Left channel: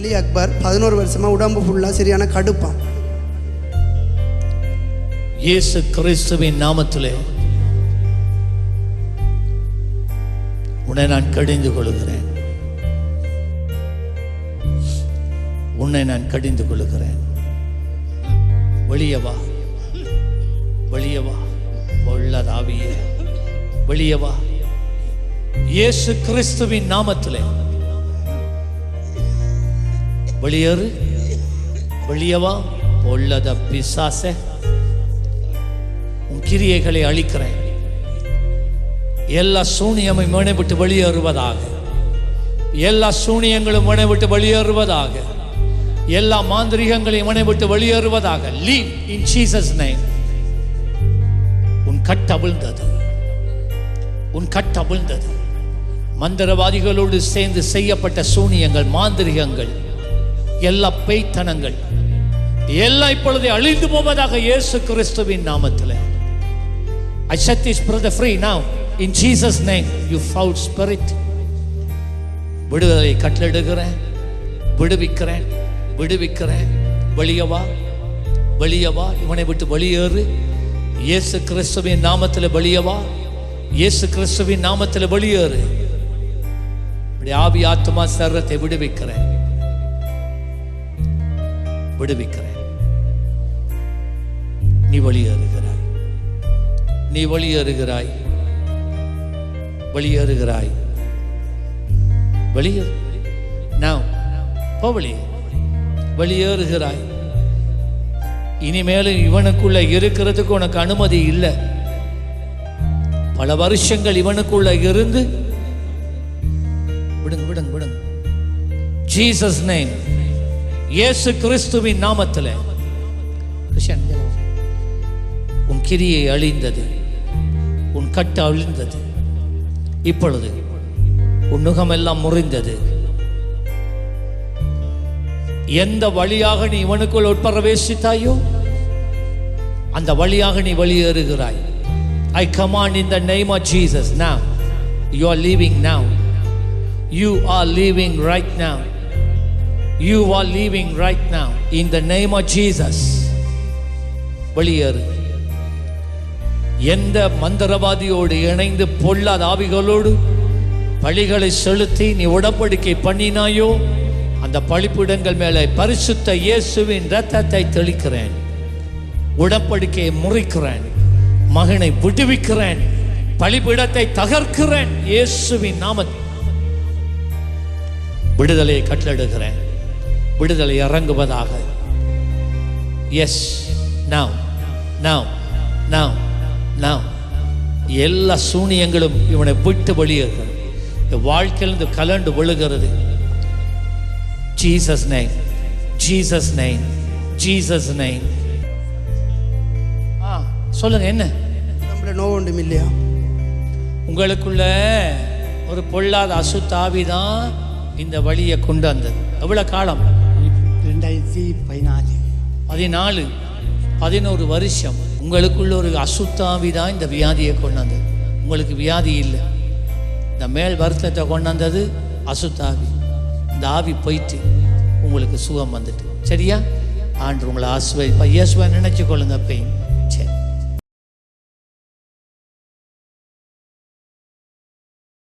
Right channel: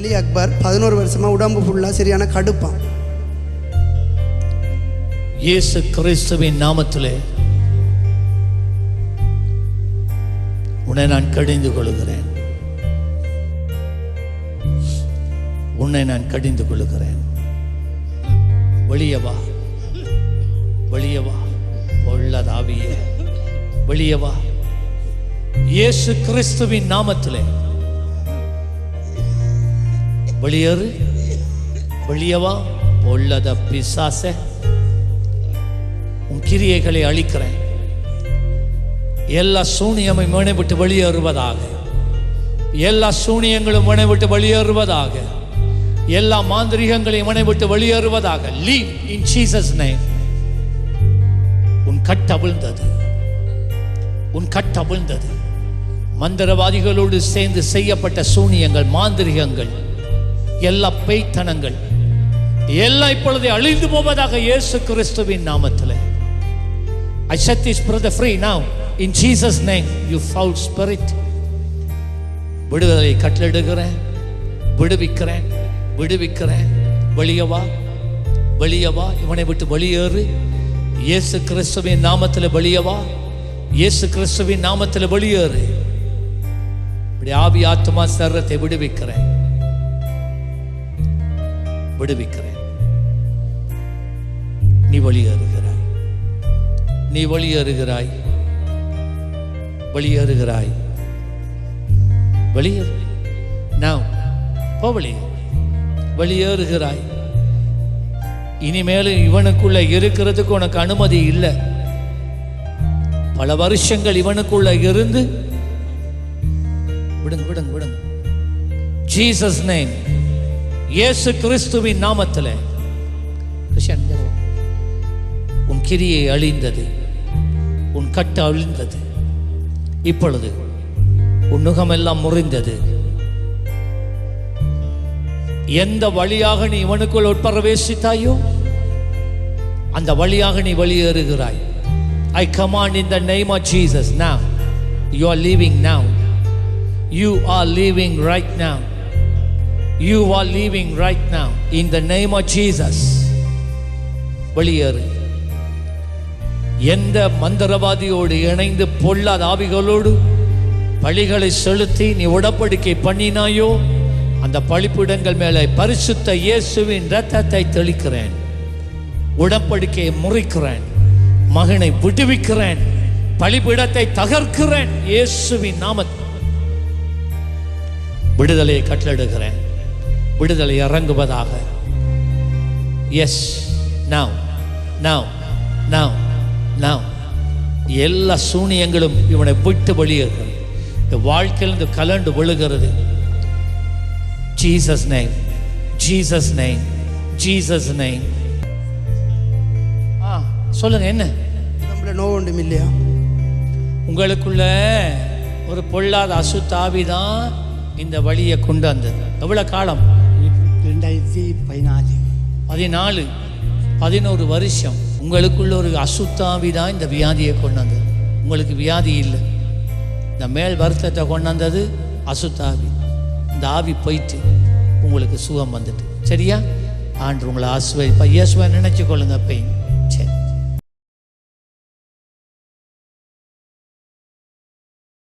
அலி அக்பர் 11 வருஷமாக உடம்பு ஃபுல்லாக சரியான கடுப்பான். இயேசு கிறிஸ்துவின் நாமத்திலே உன்னை நான் கடிந்து கொள்கிறேன். உன்னை நான் கடிந்து கொள்கிறேன். வெளியே வா, வெளியே வா, பொல்லாத ஆவியே வெளியே வா. இயேசு கிறிஸ்துவின் நாமத்திலே வெளியேறு, வெளியே வா. பொல்லாத பிசாசே, உன் கிரியைகளை அழிக்கிறேன். எல்லா சூனியமும் மனை விட்டு வெளியேறுவதாக. எல்லா சூனியங்களும் மனை விட்டு வெளியேறுவதாக. எல்லா மாந்திரிகங்களையும் மனை விட்டு வெளியேறுவதாக. Leave in Jesus name. உன் கட்டவிழ்ந்தது, உன் கட்டவிழ்ந்தது. மந்திரவாதிகளோடு சேர்ந்து செய்யப்பட்ட சூனியங்கள், மாந்திரிகங்கள், எல்லா பேய்த்தனங்கள் எல்லாம் இப்பொழுது அழிந்து போவதாக இயேசு கிறிஸ்துவின் நாமத்தில். I set this brother free now in Jesus name. You foul spirit. விடுதலை கட்டளையிடுகிறேன், விடுவிக்கிறேன், விடுவிக்கிறேன். வெளியே வா, வெளியே வா. இவனை விட்டு வெளியேறு. இயேசு கிறிஸ்துவின் நாமத்தில் வெளியே வா. இயேசு கிறிஸ்துவின் நாமத்தில் வெளியேறு. இப்படி ஆவி ஆத்மா சரீரத்தை விடுவிக்கிறேன், விடுவிக்கிறேன். நீ வெளியேறுகிறாய், நீ வெளியேறுகிறாய், வெளியேறுகிறாய். வெளியேறு. நான் போ, வெளியே வெளியேறுகிறாய். இனிமேலும் இவனுக்குள்ள இருக்கிறதுக்கு உனக்கு அனுமதி இல்லை. பல வருஷங்கள் இவனுக்குள்ள இருந்து விடுங்க, விடுங்க, விடுங்க. ஜீசஸ் நேம், இயேசு கிறிஸ்துவின் நாமத்தில். கிறிஸ்டியன், உன் கிரியை அழிந்தது, உன் கட்ட அழிந்தது. இப்பொழுது உன் நுகமெல்லாம் முறிந்தது. எந்த வழியாக நீ இவனுக்குள் உட்பிரவேசித்தாயோ அந்த வழியாக நீ வெளியேறுகிறாய். I command in the name of Jesus now. You are leaving now. You are leaving right now. You are leaving right now in the name of Jesus. வெளியேறு. எந்த மந்திரவாதியோடு இணைந்து பொல்லாத ஆவிகளோடு பழிகளை செலுத்தி நீ உடன்படிக்கை பண்ணினாயோ அந்த பழிப்பிடங்கள் மேலே பரிசுத்த இயேசுவின் இரத்தத்தை தெளிக்கிறேன். உடன்படிக்கையை முறிக்கிறேன். மகனை விடுவிக்கிறேன். பழிப்பிடத்தை தகர்க்கிறேன். இயேசுவின் நாமத்தில் விடுதலையை கட்டளையிடுகிறேன். விடுதலை இறங்குவதாக. Yes, now now now now. எல்லா சூனியங்களும் இவனை விட்டு வெளியேறுகிறது. வாழ்க்கையிலிருந்து கலண்டு விழுகிறது. Jesus name, Jesus name, Jesus name. சொல்லுங்க, என்ன நம்மள நோவு ஒன்றும் இல்லையா? உங்களுக்குள்ள ஒரு பொல்லாத அசுத்தாவி தான் இந்த வழியை கொண்டு வந்தது. எவ்வளவு காலம்? 2014, 11 வருஷம். உங்களுக்குள்ள ஒரு அசுத்தாவி தான் இந்த வியாதியை கொண்டு வந்தது. உங்களுக்கு வியாதி இல்லை, இந்த மேல் வருத்தத்தை கொண்டு வந்தது அசுத்தாவி. இந்த ஆவி போயிட்டு உங்களுக்கு சுகம் வந்துட்டு. சரியா? ஆண்டு உங்களை ஆசுவை இயேசுவை நினைச்சு கொள்ளுங்க. அப்பையும் சரி.